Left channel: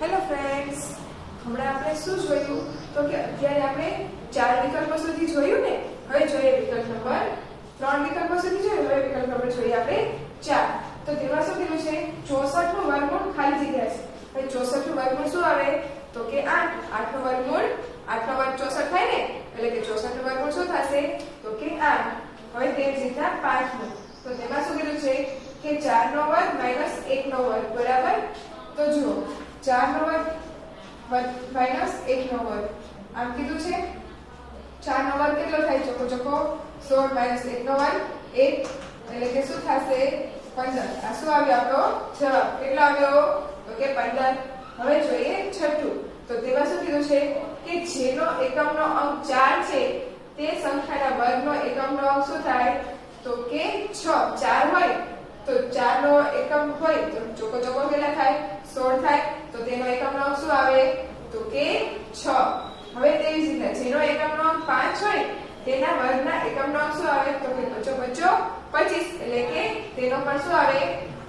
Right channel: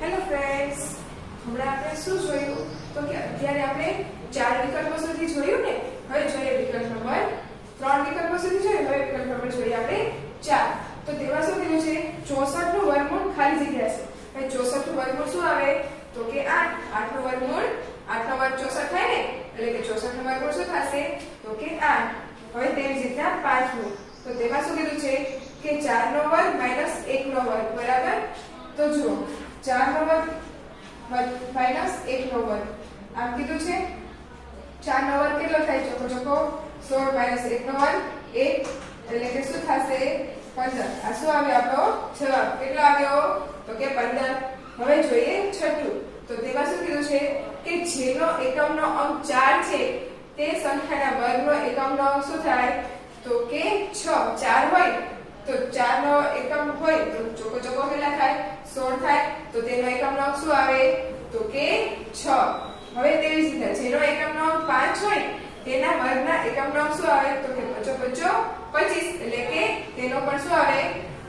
Hello friends, હમણાં આપણે શું જોયું તો કે અત્યારે આપણે ચાર વિકલ્પો સુધી જોયું ને. હવે જોઈએ વિકલ્પ નંબર 3 વિકલ્પો સુધી જોયું. હવે વિકલ્પ નંબર જોઈએ આપણે 4. તો તેમાં શું કીધું છે? 64 નું વર્ગમૂળ ખાલી જગ્યા છે. હવે 64 નું વર્ગમૂળ શું આવે? તો કે 8. 8 નું વર્ગમૂળ 8 નો વર્ગ 64 થાય ને, એટલે કે 64 નું વર્ગમૂળ શું થશે? તો કે 8. હવે તેવી જ રીતના 5 નું. તો તેમાં શું કીધું છે કે 4 નો વર્ગ માઈનસ 1 નો વર્ગ બરાબર. તો જુઓ 4 નો વર્ગ માઈનસ 1 નો વર્ગ આમ કીધું છે. 4 નો વર્ગ કેટલો થાય? ચોખ્ખો ચોખ્ખો 16 માઈનસ 1 નો વર્ગ 1, એટલે કે શું થશે? 15. આ શું આવ્યો આપણો જવાબ? કેટલો આવ્યો? તો કે 15. હવે જોઈએ છઠ્ઠું. તો તેમાં શું કીધું છે કે જેનો એકમનો અંક 4 છે તે સંખ્યાના વર્ગનો એકમનો અંક શું થાય? તો કે 6. 4 હોય તો 4 નો એકમ હોય તો ચોખ્ખો ચોખ્ખો કેટલા થાય? 16 થાય. તો તેનો એકમનો અંક શું આવે? તો કે 6. હવે તેવી જ રીતે જેનો એકમનો અંક 5 હોય તેના વર્ગના એકમનો અંક શું આવે? તો કે 5 25, એટલે કે તેનો પણ શું આવે?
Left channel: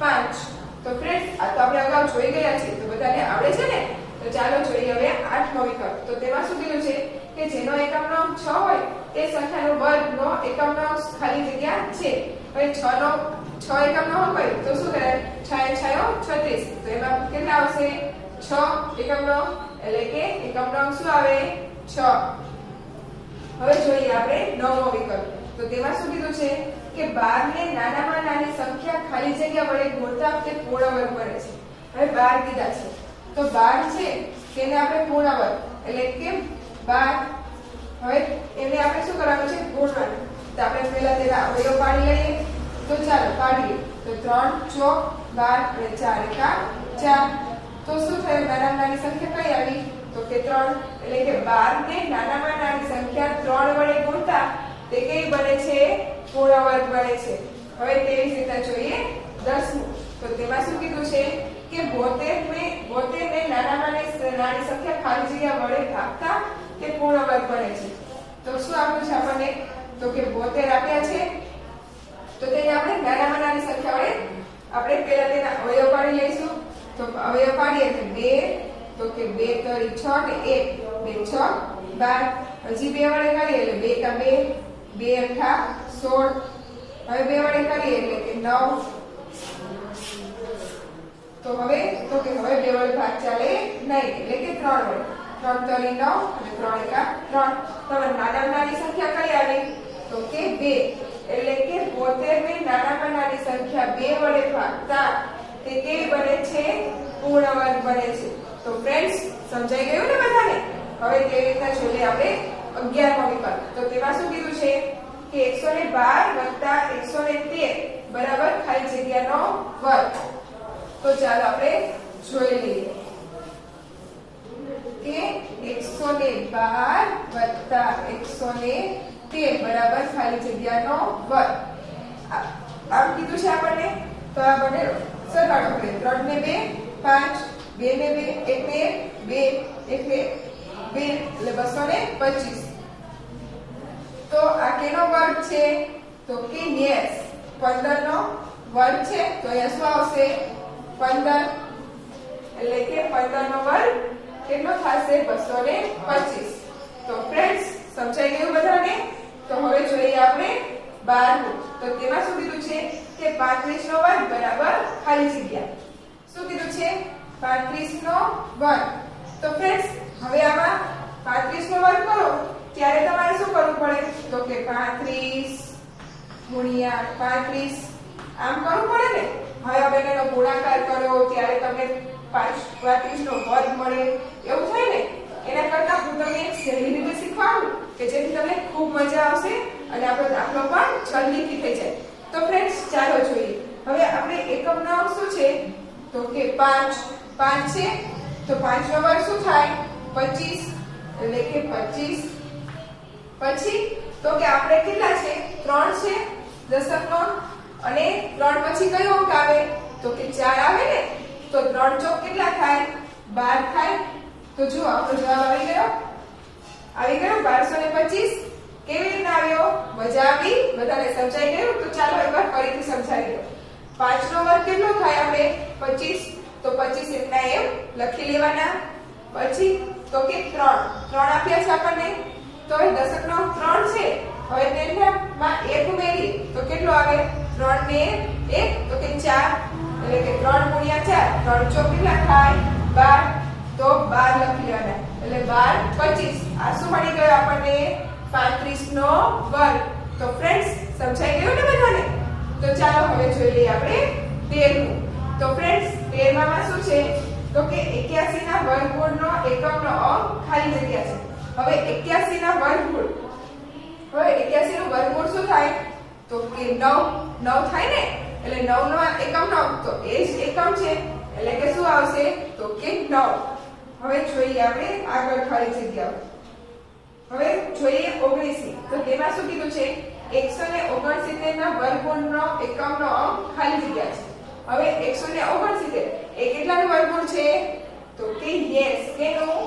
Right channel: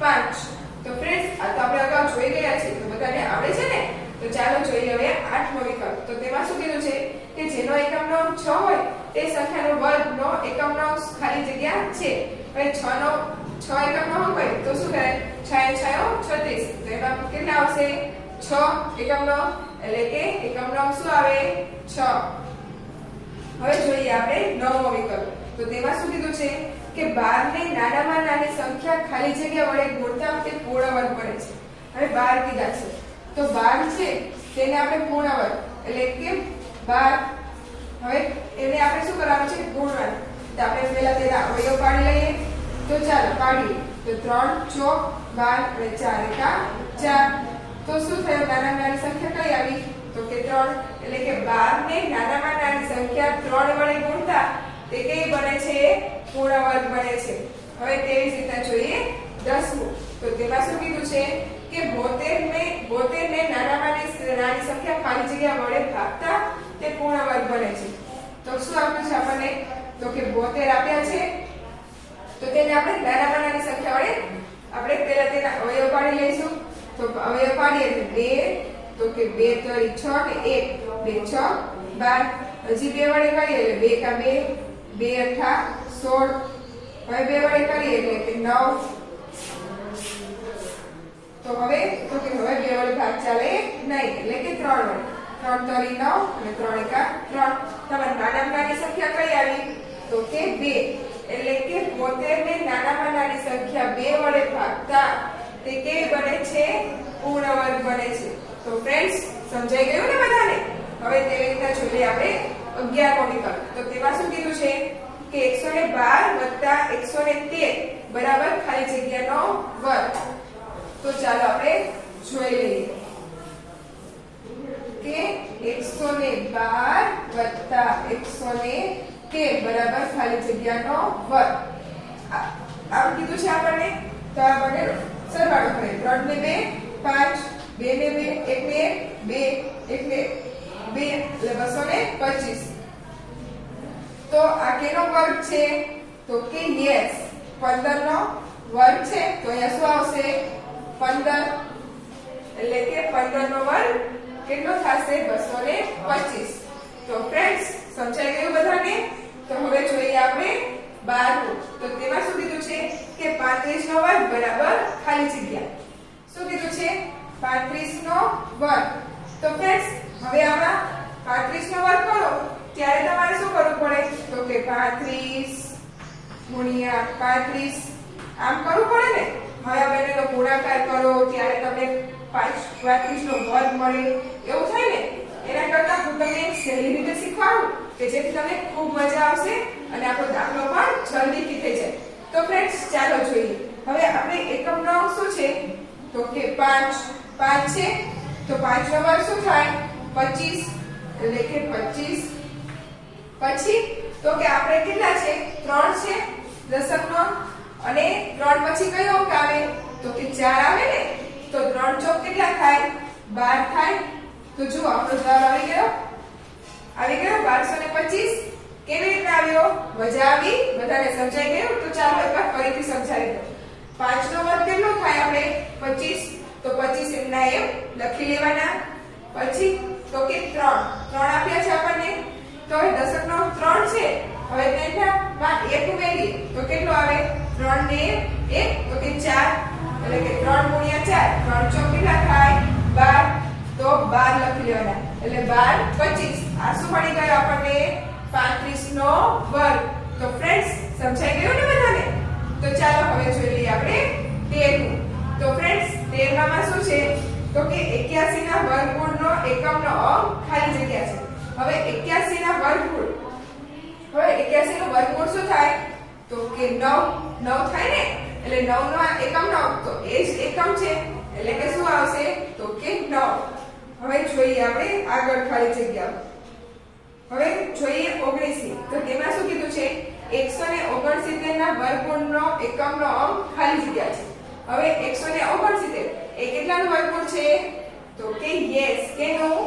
5. તો ફ્રેન્ડ્સ, આ તો આપણે અગાઉ જોઈ ગયા છે, તો બધાને આવડે છે ને. તો ચાલો જોઈએ હવે 8મો વિકલ્પ. તો તેમાં શું કીધું છે કે જેનો એકમનો અંક 6 હોય તે સંખ્યાનો વર્ગનો એકમનો અંક ખાલી જગ્યા છે. હવે 6 એકમનો અંક હોય તો શું કરે? 6 36. તો એમાં કેટલા આવશે? 6 એકમનો, એટલે કે એકમનો અંક શું આવે? 6. હવે જોઈએ આપણે 9મો વિકલ્પ. તો તેમાં શું કીધું છે કે 12 ને નાનામાં નાની સંખ્યા ખાલી જગ્યા વડે ગુણતા તે પૂર્ણ વર્ગ બને છે. હવે 12 કીધા છે તો 12 છે તેને આપણે પૂર્ણ વર્ગ, એટલે કે 12. હવે એને આપણે શું કરવાનું છે? ગુણવાનું. તો આપણે પહેલા તેના અવયવ પાડી લઈએ. તો ચાલો પાડીએ. તો 3 ચોક 12 અને 4 એકા 4. તો શું થયું? નાનામાં નાની સંખ્યા કઈ આવી? તો કે 3. એટલે કે 12 ને નાનામાં નાની સંખ્યા 3 વડે ગુણતા તે કઈ બને છે? પૂર્ણ વર્ગ બને છે. હવે તેવી જ રીતના જોઈએ 10મું. તો તેમાં શું કીધું છે કે 72 ને નાનામાં નાની સંખ્યા ખાલી જગ્યા વડે ભાગતા તે પૂર્ણ વર્ગ બને છે. તો શું આપ્યું છે આપણને? તો કે 72 આપ્યા છે. તો તેને આપણે નાનામાં નાની સંખ્યા વડે આપણે પહેલા તેના અવયવ પાડી લઈશું. તો અવયવ પાડીએ એટલે 2, તો કે 2 તરી 6 ને 1 2 6 12. હજી 2 વડે કરીએ એટલે 2 એકા 2 2 અઠા 16. હવે 2 વડે કરીએ એટલે કે 9. તો હવે 2 વડે ભાગ ચાલે નહીં, એટલે કે 3 વડે. 3 તરી 9 અને 3 એકા 3. તમારે નાનામાં નાની સંખ્યા કઈ આવી? તો કે 2. એટલે કે 72 ને નાનામાં નાની સંખ્યા 2 વડે ભાગતા તે કેવી બને છે? પૂર્ણ વર્ગ બને છે. તો ફ્રેન્ડ્સ, સમજાઈ ગયું ને બધાને? હવે તેવી રીતના જોઈએ આપણે 11મો વિકલ્પ. તો તેમાં શું કીધું છે કે 112 113 બરાબર ખાલી જગ્યાનો વર્ગ. તો ચાલો આપણે જોઈ લઈએ કે 112 113 બરાબર ખાલી જગ્યાનો વર્ગ. આમ કીધું છે આપણને. તો આપણે સરવાળો કરીએ. 3 ને 2 5, 2 ને 2 એટલે 2 એટલે 225. તો આ કેનો વર્ગ છે? તો કે યસ 15 નો વર્ગ છે. તો અહીંયા શું આવશે? 15. એટલે કે 15 નો વર્ગ કેટલો થશે? 225. તો ફ્રેન્ડ્સ, સમજાઈ ગયું બધાને? તો હવે જોઈએ આપણે 12મું. તો તેમાં શું કીધું છે કે 35 નો વર્ગ બરાબર ખાલી જગ્યા. શું કીધું છે? 35 નો વર્ગ. તો ફ્રેન્ડ્સ, હવે આમાં 35 નો વર્ગ કરો ત્યારે તમારે શું કરવું પડે? તો કે 35 ગુણ્યા 35 આમ કરવું પડે ને. હવે આપણે એનો ગુણાકાર કરો ત્યારે તમને 35 નો વર્ગ મળે એવું થાય ને. એના કરતા હું તમને એક સહેલી રીતે શીખવાડું કે જેથી તમને ખૂબ મજા આવશે અને આપણો દાખલો પણ જલ્દીથી થઈ જાય. તો ફ્રેન્ડ્સ, ચાલો જોઈએ. હવે આપણે એકમનો અંક શું છે? તો કે 5 છે. તો 5 નો વર્ગ શું થાય? 25, એટલે કે 25. પછી તો કે આપણે કેટલા છે? 3 છે દશકનો, અને 3 પછી કયો અંક આવે? તો કે 4 આવે ને. તો 3 ચોક કેટલા થાય? 12 થાય. તો જો આપણો જવાબ આવી ગયો 1225. કેવી રીતે આવ્યો? મજા આવી? બધાને સમજાઈ ગયું? તો ચાલો એકવાર ફરીથી સમજાવી દો. 5 નો વર્ગ કેટલો થાય આપણે? 25. તો તો 25 એમના એમ લખી લેવાના. પછી તો કે 3 આપ્યા છે આપણને, તો હવે દશકનો 3 છે. હવે તેમાં 1 ઉમેરી તો કેટલો આવે? 3 ને 1 તો કે 4, એટલે કે 3 ગુણ્યા 4, 3 ચોક કેટલા થાય? 12. તો 12 લખી લેવાના, એટલે 12 25. આ શું મળી ગયું આપણને? 35 નો વર્ગ. તો ફ્રેન્ડ્સ સમજાઈ ગયું ને બધાને? તો ચાલો હવે જોઈ લઈએ આપણે 13મું. તો ફ્રેન્ડ્સ 13માં શું છે? તો કે 81 ના વર્ગમૂળનો એકમનો અંક ખાલી જગ્યા છે. હવે 81 ના વર્ગમૂળ, હવે 81 નું વર્ગમૂળ શું થાય? તો કે 9 થાય ને, એટલે 9 નો એકમનો અંક તો એ જ એકમ છે, એટલે કે શું આવશે? તો કે 9. હવે જોઈએ આપણે આગળ ખાલી જગ્યાઓ. હવે જોઈએ 19. તો તેમાં શું કીધું છે? 169 ના વર્ગમૂળનો એકમનો અંક ખાલી જગ્યા છે. હવે 169 એ કેટલાનું વર્ગમૂળ છે? તો કે યસ, કેનું?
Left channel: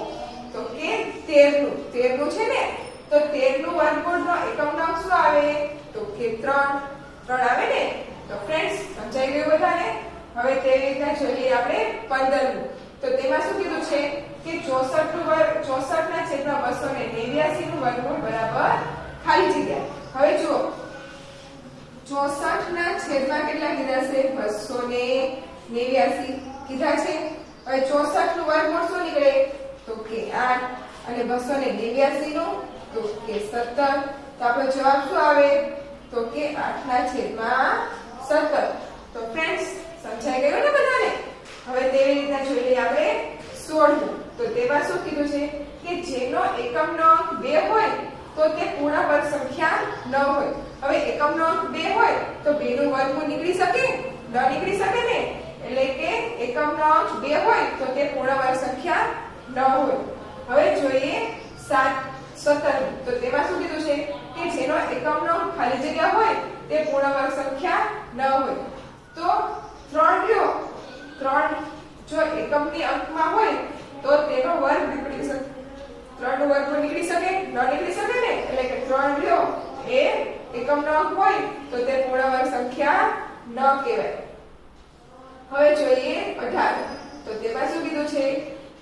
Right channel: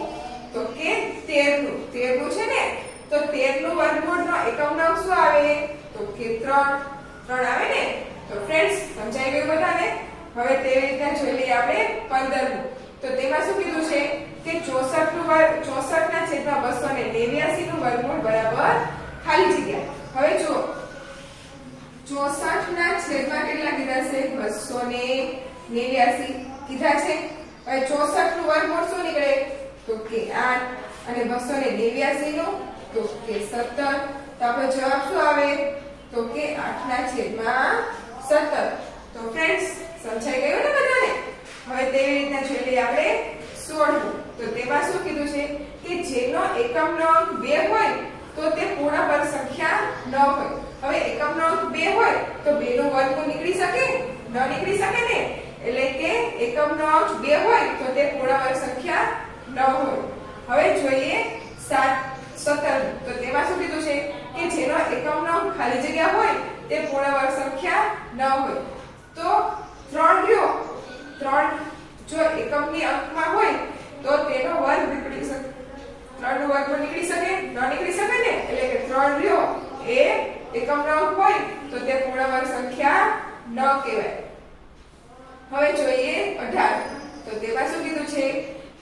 તો કે 13નું છે ને. તો 13નું વર્ગમૂળનો એકમનો અંક શું આવે? તો કે 3 આવે ને. તો ફ્રેન્ડ્સ સમજાઈ ગયું બધાને? હવે તે રીતના જોઈ લઈએ આપણે 15મું. તો તેમાં શું કીધું છે? કે 64 ના છેદમાં 289 નું વર્ગમૂળ બરાબર ખાલી જગ્યા. હવે જો 64 ના છેદમાં કેટલા કીધા છે? 289 કીધા છે. હવે 64 નું વર્ગમૂળ શું નીકળે? તો કે 8, અને 289 નું તો કે 17. તો આપણો જવાબ શું આવે? તો કે 8 ના છેદમાં 17. તો ફ્રેન્ડ્સ સમજાઈ ગયું ને બધાને? હવે તેવી રીતના જોઈ લઈએ આપણે 16મું. તો તેમાં શું કીધું છે? કે જેનો એકમનો અંક 2 હોય તો તે પૂર્ણ વર્ગ સંખ્યા ન હોય. હવે એકમનો અંક 2 હોય તો 2 નું વર્ગમૂળ નીકળી શકે? ન નીકળી શકે ને. એટલે કે એકમનો અંક 2 હોય તો તે પૂર્ણ વર્ગ સંખ્યા ન હોય. હવે જોઈએ 17. તો તેમાં શું કીધું છે? કે જેનો એકમનો અંક ખાલી જગ્યા હોય તે પૂર્ણ વર્ગ સંખ્યા ન હોય. તો 3 રહ્યો, 3 જો એકમની અંકમાં હોય તો તેનો વર્ગ નીકળી શકે. 3 નું વર્ગમૂળ નીકળી શકે? ન નીકળી શકે ને. એટલે કે 3 રહ્યો એ એકમનો અંક હોય તો તે પૂર્ણ વર્ગ સંખ્યા ન કહેવાય. હવે જોઈએ 18. તો તેમાં શું કીધું છે?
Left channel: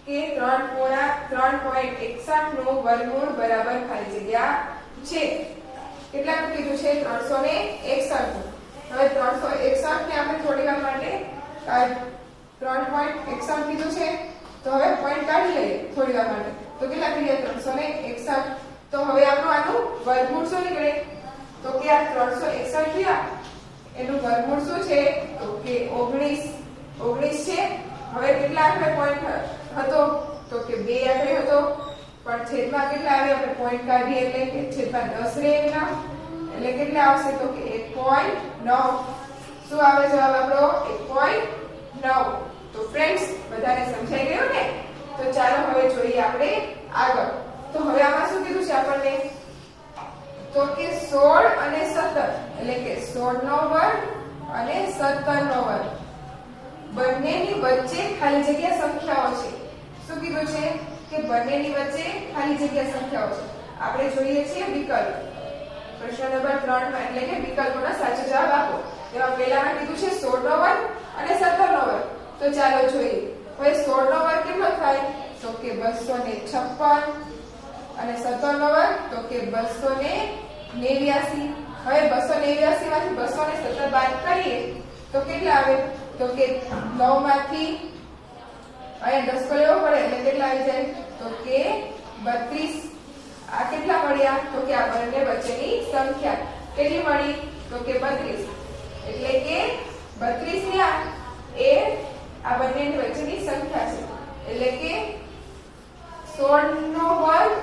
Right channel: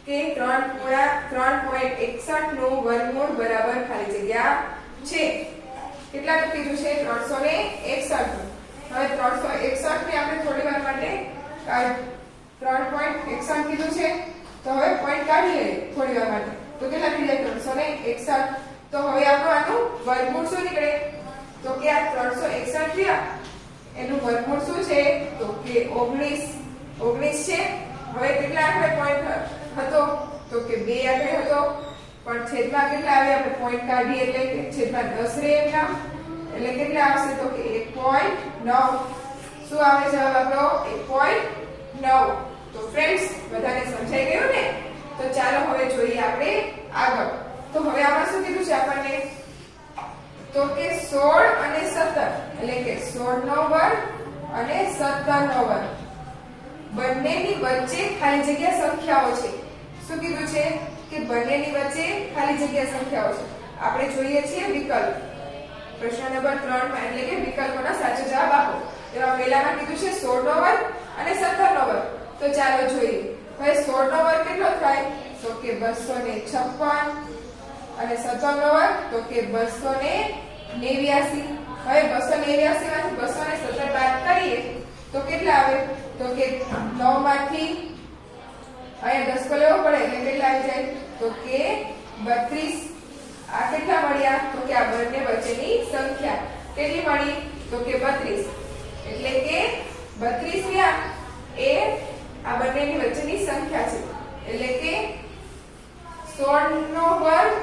કે 3.61 નું વર્ગમૂળ બરાબર ખાલી જગ્યા છે. કેટલાનું કીધું છે? 361 નું. હવે 361 ને આપણે થોડી વાર માટે 3.61 કીધું છે, તો હવે પોઈન્ટ કાઢી લઈએ થોડી વાર માટે. તો કેટલા થઈ જાય? 361. તો હવે આપણું આનું વર્ગમૂળ શું નીકળે? તો કે આ 361 રહ્યા એનું વર્ગમૂળ શું છે? તો કે 19 છે. હવે કેટલા આખરે પોઈન્ટ હતો? તો કે 2 આખરે હતો, પણ છેદમાં કેટલા આવે? આપણે પોઈન્ટ કાઢીએ એટલે કે છેદમાં 10 રહે એમના, એટલે કેટલા આવશે? તો કે 1.9. શું આવે જવાબ આપણો? 1.9. તો ફ્રેન્ડ્સ બધાને સમજાઈ ગયું ને? તો ચાલો હવે જોઈએ આપણે આગળ. તો હવે આમાં શું કીધું છે આપણને? તો કે 16 અને 17, એટલે કે 16 નો વર્ગ અને 17 નો વર્ગ બંનેની વચ્ચે ખાલી જગ્યા સંખ્યાઓ છે. શું કીધું છે? કે બંનેની વચ્ચે ખાલી જગ્યા સંખ્યાઓ છે. આપણે જોઈએ છીએ વિકલ્પ. પ્રશ્ન નંબર 3 માં, એટલે કે વિકલ્પોનો સાચો જવાબ આપો. તેમાં પહેલામાં કીધું છે 16 નો વર્ગ અને 17 નો વર્ગ. તો ચાલો જોઈએ. હવે 16 નો વર્ગ કેટલો થાય? તો કે 256, અને 17 નો વર્ગ તો કે 289. હવે 289 માંથી 217 બાદ કરીએ તો કેટલા આવે? તો કે 9 માંથી અહીંયા 10 લેવો પડે એટલે કેટલા આવી જાય? તો કે 32. આ કેટલા મળ્યા? તો કે આ બંને વચ્ચેની સંખ્યા કેટલી મળી? તો કે 32. એટલે કે 32 રહ્યા એ આ બંનેની વચ્ચેની સંખ્યા છે. એટલે કે 16 નો વર્ગ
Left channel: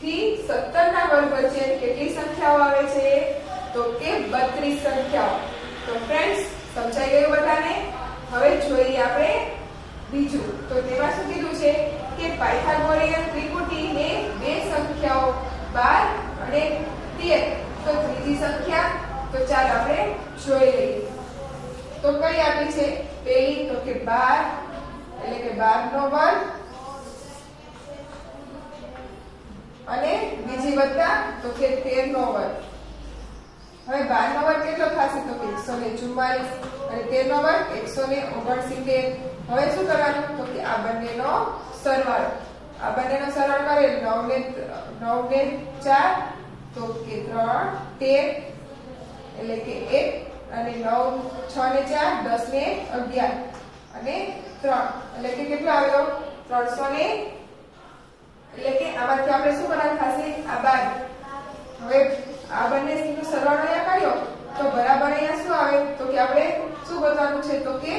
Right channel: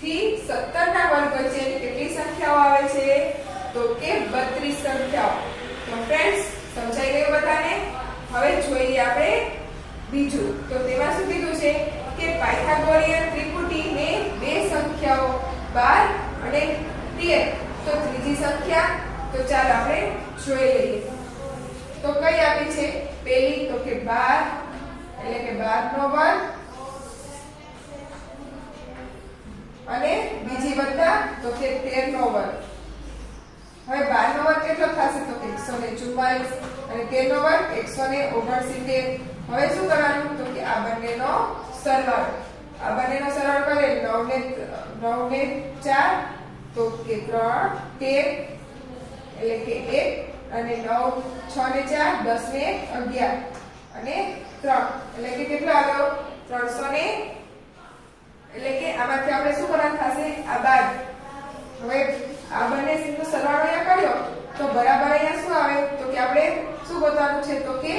થી 17 ના વર્ગ વચ્ચે કેટલી સંખ્યાઓ આવે છે? તો કે 32 સંખ્યાઓ. તો ફ્રેન્ડ્સ સમજાઈ ગયું બધાને? હવે જોઈએ આપણે બીજું. તો તેમાં શું કીધું છે? કે પાયથાગોરિયન ત્રિપુટીને બે સંખ્યાઓ 12 અને 13. તો ત્રીજી સંખ્યા તો ચાલો આપણે જોઈ લઈએ. તો કઈ આપી છે? પહેલી તો કે 12, એટલે કે 12 નો વર્ગ, અને બીજી વત્તા તો કે 13 નો વર્ગ. હવે 12 નો વર્ગ કેટલો થશે? તો કે 144, અને 13 નો વર્ગ 169. હવે શું કરવાનું તો કે આ બંનેનો સરવાળો, આ બંનેનો સરવાળો કરીએ 9 ને 4 તો કે 3 13 એટલે કે 1 અને 9 6 ને 4 10 ને 11 અને 3 એટલે કે કેટલો આવ્યો 300 ને એટલે કે આમાંથી આપણે શું કરવાનું થશે આ બાદ હવે આ બંને નો સરવાળો અહીંયા કર્યો તો બરાબર અહીંયા શું આવે તો કે આપણે શું બતાવવાનું છે તો કે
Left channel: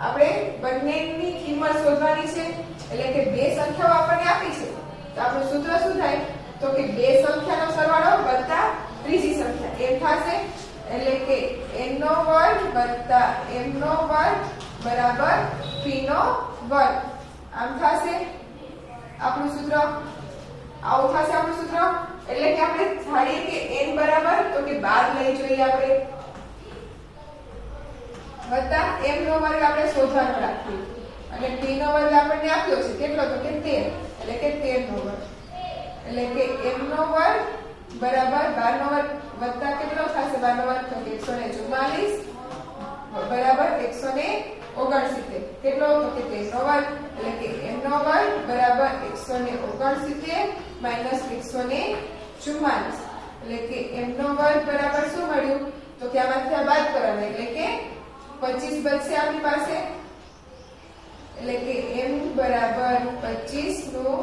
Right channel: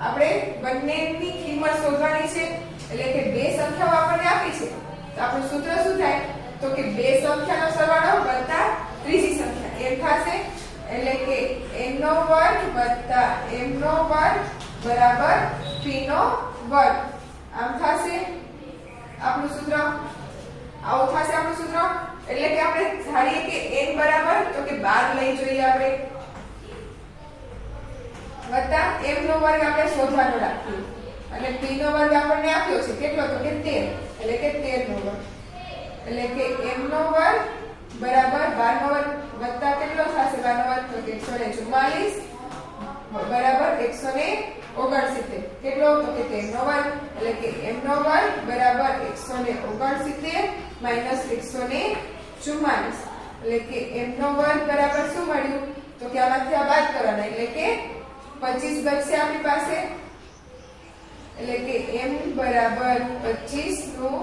આપણે બંનેની કિંમત શોધવાની છે એટલે કે બે સંખ્યાઓ આપણને આપી છે તો આપણું સૂત્ર શું થાય તો કે બે સંખ્યાનો સરવાળો વત્તા ત્રીજી સંખ્યા એમ થશે એટલે કે n નો વર્ગ વત્તા m નો વર્ગ બરાબર p નો વર્ગ આમ થશે આપણું સૂત્ર આવું થશે આપણું સૂત્ર એટલે કે આપણે ધારીએ કે n બરાબર તો કે 12 લઈ જોઈએ આપણે વત્તા m નો વર્ગ આપણે શોધવાનો રાખીએ અને p નો વર્ગ આપણને આપ્યો છે કેટલો તો કે 13 એટલે કે 13 નો વર્ગ એટલે કે m નો વર્ગ બરાબર 12 નો વર્ગ વત્તા કેટલો થશે 12 નો વર્ગ તો કે 144 બરાબર 169 કેટલો તો કે 13 નો વર્ગ એટલે કે m નો વર્ગ બરાબર 169 માઈનસ 144 એટલે કે m નો વર્ગ બરાબર શું મળ્યું તો કે આમાંથી આ બાદ કરવાના એટલે કે 25 બચશે આપણી પાસે એટલે કે m બરાબર 25 નું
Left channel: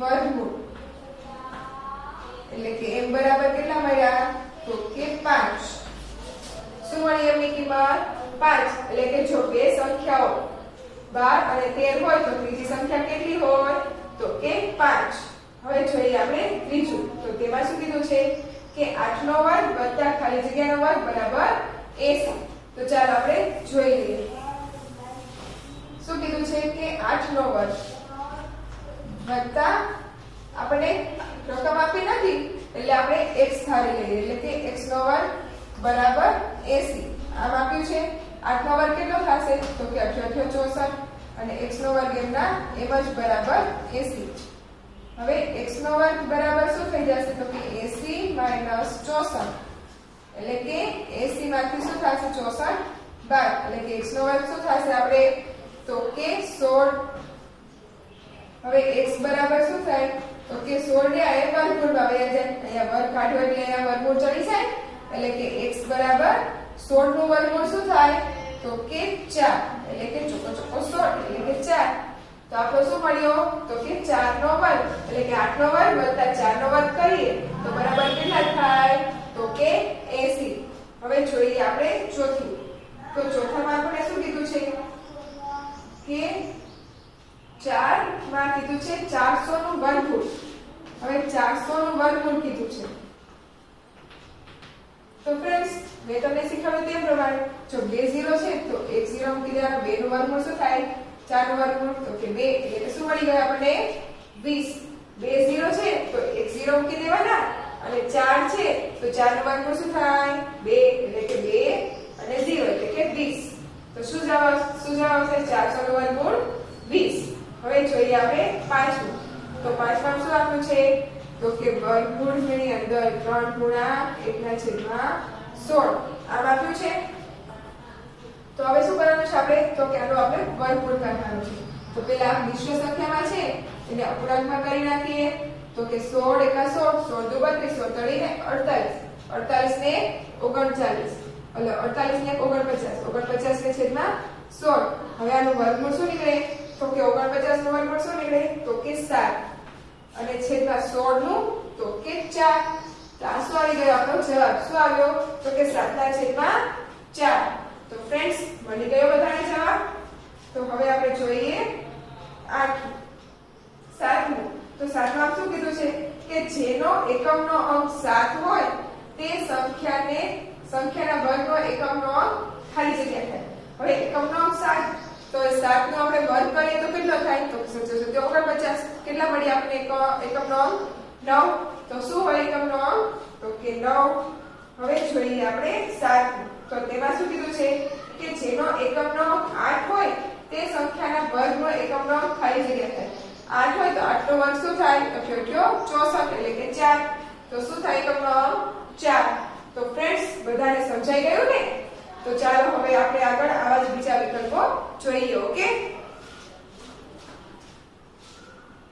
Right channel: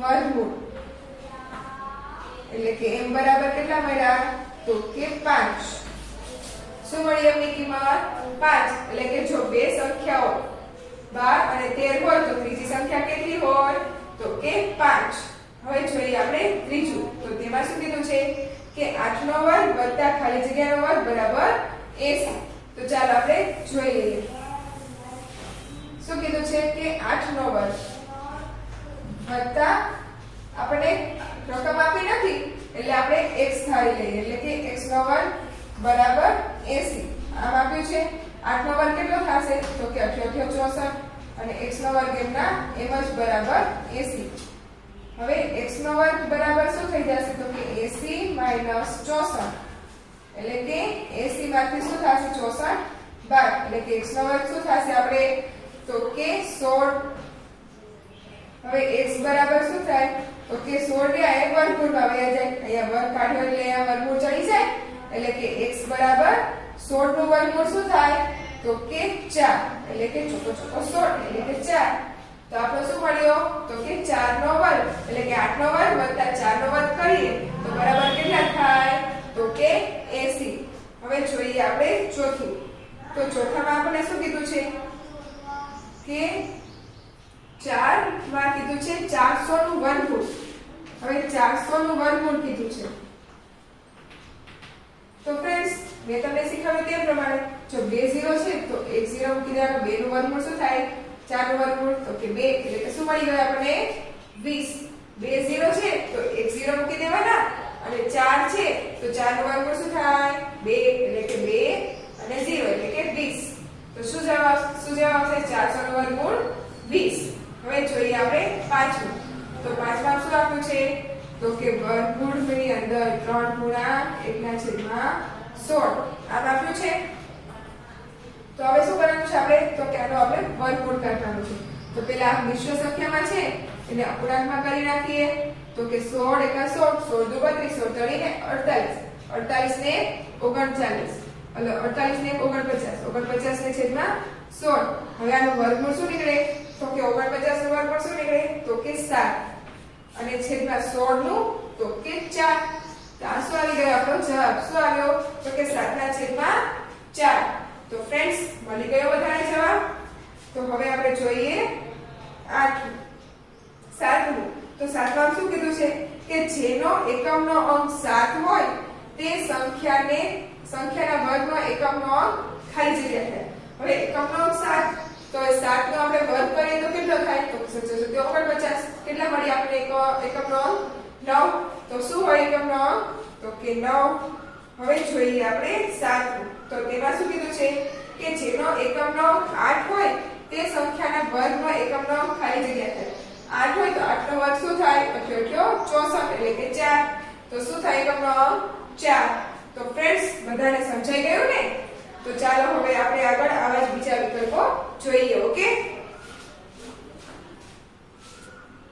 વર્ગમૂળ એટલે કે m બરાબર કેટલા મળ્યા તો કે 5 શું મળી m ની કિંમત 5 એટલે કે જો બે સંખ્યાઓ 12 અને 13 હોય તો ત્રીજી સંખ્યા કેટલી હોય તો કે 5 હવે જોઈએ આપણે ત્રીજું તો તેમાં શું કીધું છે કે 8 નો વર્ગ વત્તા ખાલી જગ્યાનો વર્ગ બરાબર 80 તો ચાલો આપણે જોઈ લઈએ શું કીધું છે કે 8 નો વર્ગ વત્તા આપણે રકમ આપી નથી એટલે આપણે x ધારી લઈએ એટલે કે x નો વર્ગ બરાબર 80 આમ આપ્યું છે 8 નો વર્ગ કેટલો થશે તો કે 88 64 અને x નો વર્ગ એમના એમ જ બરાબર 80 હવે x નો વર્ગ બરાબર શું થઈ જશે તો કે 80 માઈનસ 64 એટલે કે 80 માંથી શું થશે 64 બાદ એટલે કે x નો વર્ગ શું થશે આપણે તો કે 16 હવે x બરાબર શું થાય તો કે 16 ને આ વર્ગમૂળમાં વયા જાય અહીંયા વર્ગ કાઢ્યો એટલે અહીંયા વર્ગમૂળ ચડી જાય એટલે કે x બરાબર 16 નું વર્ગમૂળ શું થાય તો કે 4 એટલે કે ચોકો 16 એટલે કે 4 તો આપણો શું મળ્યો તો કે 4 નો વર્ગ એટલે કે 8 નો વર્ગ વત્તા 4 નો વર્ગ કરીએ તો બરાબર કેટલા થાય તો કે 80 હવે જોઈએ આપણે ચોથું તો ચોથામાં આપણે શું કીધું છે કે 4 માં કીધું છે 400 નું વર્ગમૂળ હવે 400 નું વર્ગમૂળ કીધું છે તો ફ્રેન્ડ્સ મેં તમને શીખવ્યું તે પ્રમાણે જો બે 0 છે તો એક 0 મૂકી દેવાનો 2 નું વર્ગમૂળ શું થાય 4 નું વર્ગમૂળ તો કે 2 એટલે કે શું મળી ગયું આપણને 20 બે 0 છે તો એક 0 મૂકી દેવાના અને 4 છે તો 4 નું વર્ગમૂળ શું થાય 2 એટલે કે 2 અને 0 એટલે કે 20 તો શું જવાબ આવશે 400 નું વર્ગમૂળ 20 હવે જોઈએ આપણે પાંચમું તો પાંચમાં શું આપ્યું છે તો કે વર્ગમૂળની અંદર 3 ગુણા 1/16 આમ આપ્યું છે તો હવે શું કરવાનું છે આપણે તો કે આનો આપણે વર્ગમૂળ કાઢવાનું છે તો પેલા મિશ્ર સંખ્યામાં છે એને અપૂર્ણાંકમાં કરી નાખીએ તો કે 16 એકા 16 16 દુ 32 16 તળીને 48 48 ને 39 એટલે 48 ને 49 49 ને છેદમાં 16 હવે આનું વર્ગમૂળ શું નીકળે તો કે 49 નું વર્ગમૂળ શું નીકળે તો કે 7 અને છેદમાં 16 નું તો કે 4 તો આ શું આવી ગયો આપણો જવાબ શું આવ્યો તો કે 7 ના છેદમાં 4 તો ફ્રેન્ડ્સ મળી ગયો બધાને જવાબ તો હવે આપણે જોઈએ 8 7મું તો 7માં શું કીધું છે કે જેનો એકમનો અંક 7 હોય તે સંખ્યાના વર્ગનો એકમનો અંક ખાલી જગ્યા થાય હવે એકમનો અંક 7 તો 7 નો આપણે વર્ગ કરીએ તો કેટલો થાય તો 49 કેટલા મળી આપણે એકમનો અંક 9 તો શું હોય એકમનો અંક તો કે 9 હવે જોઈએ આપણે 7 તો તેમાં શું કીધું છે કે જેનો એકમનો અંક 8 હોય તે સંખ્યાના વર્ગમાં એકમનો અંક ખાલી જગ્યા થાય 8 હોય તો 8 નો વર્ગ શું થાય 64 એટલે કે 4 તો શું થાય એકમનો અંક 4 તો ફ્રેન્ડ્સ બધાને સમજાઈ ગયું ને તો ચાલો હવે આપણે આગળ આવા જ બીજા વિકલ્પો જોઈએ ઓકે